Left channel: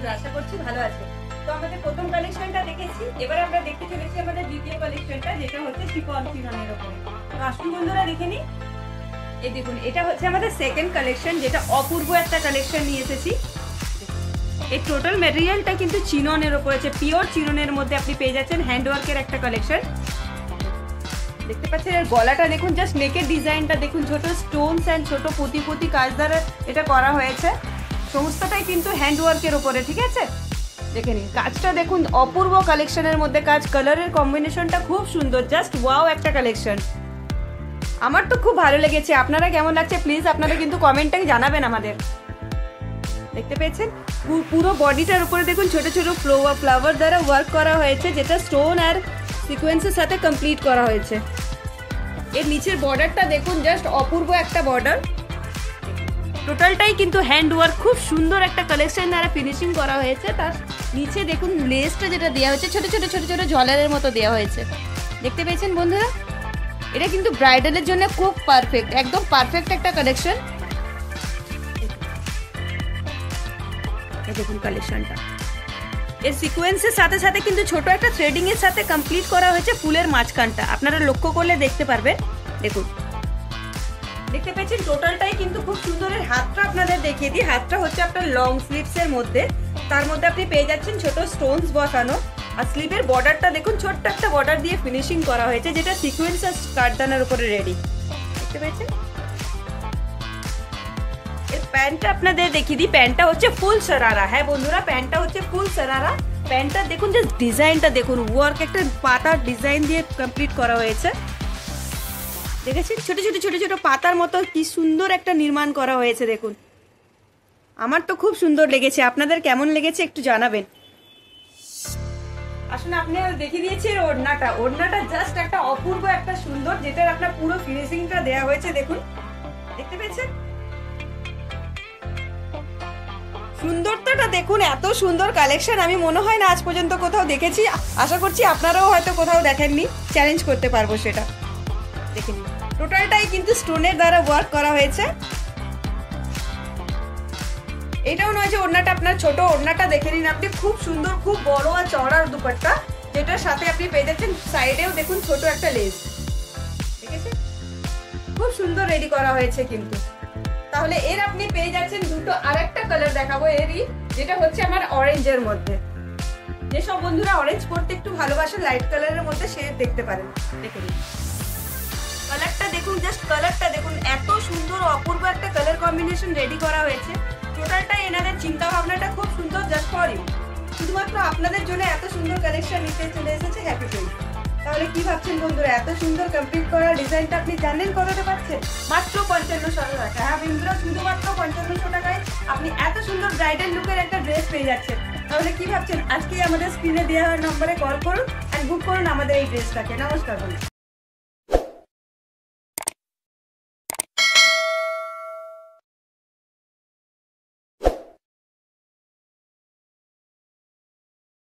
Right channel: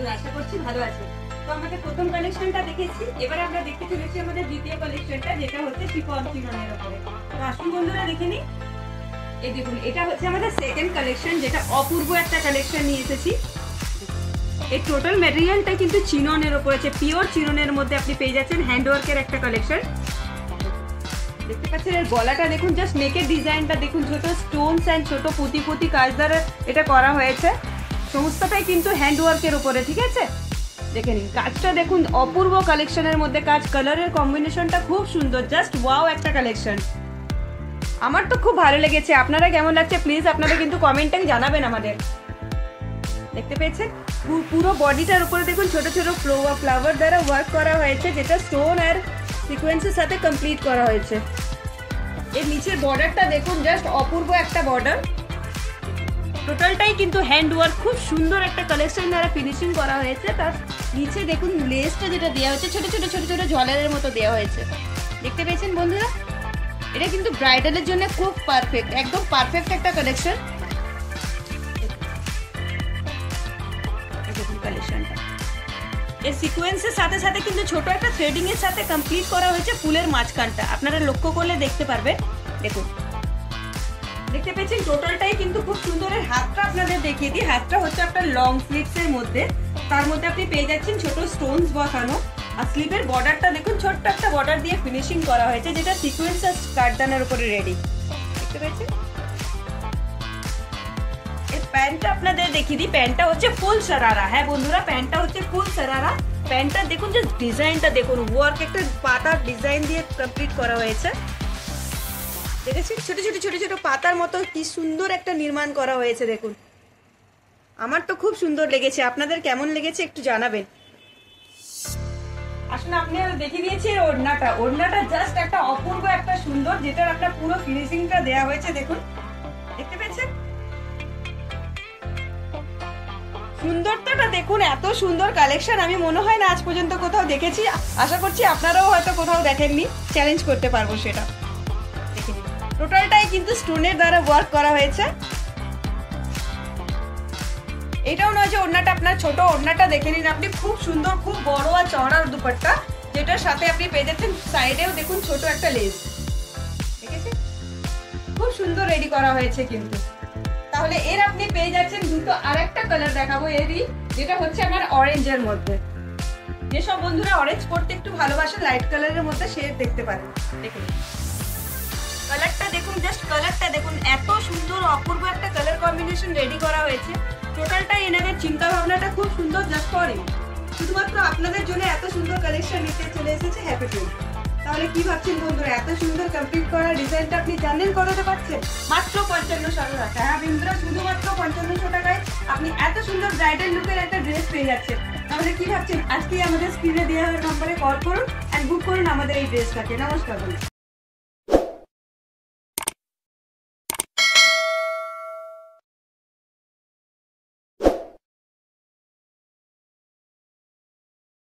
বন্ধুরা, আশা করছি ভালো আছে। তো আমাদের প্রথম কালেকশনটা দেখেছি, এবার আমরা দেখতে চলেছি আমাদের দ্বিতীয় কালেকশনটা, যেটা হচ্ছে শিফন চিননের উপরে। তো আসুন বন্ধুরা দেখে নিই। এই দেখুন, এটা হচ্ছে আমাদের সেকেন্ড কালেকশন, যেটা অপূর্ব একটা কালেকশন নিয়ে এসেছি। এই টোটাল ম্যাটেরিয়ালটা কিন্তু চিননের উপরে আছে, পিওর চিননের মধ্যে আপনি পেয়ে যাচ্ছেন হ্যান্ডওয়ার্কের একটা কালেকশন। দেখতে পাচ্ছেন এর গলাটা দেখুন, জাস্ট নেকের ডিজাইনটা দেখুন, ছোট স্টোনস এন্ড ছোট পুঁতি কাজ দ্বারা এটা করা হয়েছে। সমস্তটাই কিন্তু হ্যান্ডওয়ার্কের উপরে, ঠিক আছে? দেখে নিন কাজটা দেখুন, অপূর্ব কালেকশনের মধ্যে কাজ, কালারের কম্বিনেশনটা খুব সুন্দর, জাস্ট ওয়াও একটা কালেকশন। আমার তো খুব ভালো লেগেছে। আপনারা কেমন লাগছে প্লিজ আপনারা কিন্তু কমেন্টে জানাবেন আমাদের। দেখতে পেয়েছেন পুরো বডিটার উপরে দেখুন ছোট ছোট ফ্লাওয়ার দ্বারা ওয়ার্ক করা হয়েছে, যেটা স্টোন আর সিকোয়েন্সের সাথে কমপ্লিট করা হয়েছে। এর নিচের বর্ডারটা দেখুন, জাস্ট অপূর্ব একটা বর্ডার। টোটালটাই কিন্তু হ্যান্ড ওয়ার্ক, খুব সুন্দর একটা কালেকশন দ্বারা ফিনিশিং করা হয়েছে। তার নিচে দেখুন লেসটা যেটা দেওয়া হয়েছে, ছোট ছোট ছোট ছোট ঝলের মতো দেওয়া হয়েছে। দেখতে পেয়েছেন বন্ধুরা, এটা কিন্তু ব্রাইডালের জন্য খুব পারফেক্ট, একদম পারফেক্ট একটা কালেকশন। দেখুন কালেকশনটা, এর সিকোয়েন্সের সাথে সাথে কিন্তু ছোট একটা থ্রেডিং এর সাথে কমপ্লিট করা হয়েছে ফুলের মাঝখানটা। আপনারা লক্ষ্য করলে দেখতে পারবেন। দেখুন দেখতে পেয়েছেন টোটালটাই কিন্তু খুব সুন্দর। হাতটা আপনাদের দেখিয়ে দিই, হাতটা হচ্ছে আপনার লং স্লিভস এর মধ্যে, তার মধ্যে আপনি পেয়ে যাচ্ছেন ছোট স্টোনস বসানো। আর স্লিভের বর্ডারটা দেখুন, ছোট্ট একটা বর্ডার দিয়ে ফিনিশিং করা হয়েছে, যেটা সিকোয়েন্স আর কাটদানার উপরে রেডি। দেখতে পেয়েছেন এই প্যান্টটা আপনাদের দেখিয়ে দিই, প্যান্টটা হচ্ছে ফুল সারারা। হ্যাঁ বন্ধুরা, প্যান্টটা হচ্ছে ফুল সারারা। প্যান্টটা দেখুন, যে ডিজাইনটা দেখুন, ওয়ার্ক একটা পাতার ডিজাইন দিয়ে কমপ্লিট করা হয়েছে। দেখেছেন ছোট ছোট ছোট ছোট পাতার মতো কি সুন্দর একটা নির্মাণ করা হয়েছে। দেখুন আমার তো খুব সুন্দর লেগেছে, আপনাদের কেমন লেগেছে একটু জানাবেন। আসলে আপনি দেখিয়ে দিয়েছি ওড়নাটা, ওড়নাটা জাস্ট একটা অপূর্ব একটা সুন্দর, যেটা আপনার পুরো ফিনিশিংটা দেওয়া হয়েছে। দেখুন দেখতে পেয়েছেন সুন্দরতাটা দেখুন, এত সুন্দর কালেকশন আমি মনে হয় না আজ পর্যন্ত কোথাও দেখেছি। আশা করছি আপনারাও হয়তো কোথাও দেখেননি, চ্যালেঞ্জ করতে পারবো সেটা। দেখে নিন টোটালটাই কিন্তু স্টোনের দ্বারা ওয়ার্ক করা হয়েছে। এটাও নয় যে ওড়নাটা আপনার ছোট, ওড়নাটা দেখে নিন আপনি, খুব সুন্দর, খুব বড় আর চওড়া দুপাট্টা, যেটার সাথে আপনি পেয়ে যাচ্ছেন সাইডেও দেখুন ছোট একটা লেস। ঠিক আছে, খুব সুন্দর রেডি করা হয়েছে কিন্তু। তাহলে এর আপনি পেয়ে যাচ্ছেন দুটো, আর একটা কালার দেখাবো এরই, যেটা হচ্ছে আমার অরেঞ্জের মধ্যে। যেসব বন্ধুরা অরেঞ্জ পড়তে একটু ভালোবাসে, লাইট কালারের মধ্যে সে দেখতে পারেন। দেখুন কালারটা দেখুন, জাস্ট কালারটা দেখুন, এত সুন্দর অপূর্ব একটা কালার কম্বিনেশন রেডি করা হয়েছে। টোটালটা এনাদের চিন্তা ভাবনাটা খুব সুন্দর, জাস্ট ফর ইউ, শুধুমাত্র আপনাদের জন্য এত সুন্দর কালেকশন নিতে চলে এসেছে হ্যাপি টু। তাহলে কি ভাবছেন বন্ধুরা, এত সুন্দর কমপ্লিট করা ডিজাইনটা আপনি জানেন কতটা পাচ্ছেন? মাত্র 5500 টাকা। হ্যাঁ বন্ধুরা, শুধুমাত্র 5500 টাকায় আপনি এত সুন্দর ব্রাইডাল লুকের একটা ড্রেস পেয়ে যাচ্ছেন। তাহলে কি ভাবছেন, আজকে আমাদের স্ক্রিনে দেওয়া নম্বরে কল করুন আর বুক করুন আমাদের এই ড্রেসটাকে। নমস্কার বন্ধুরা।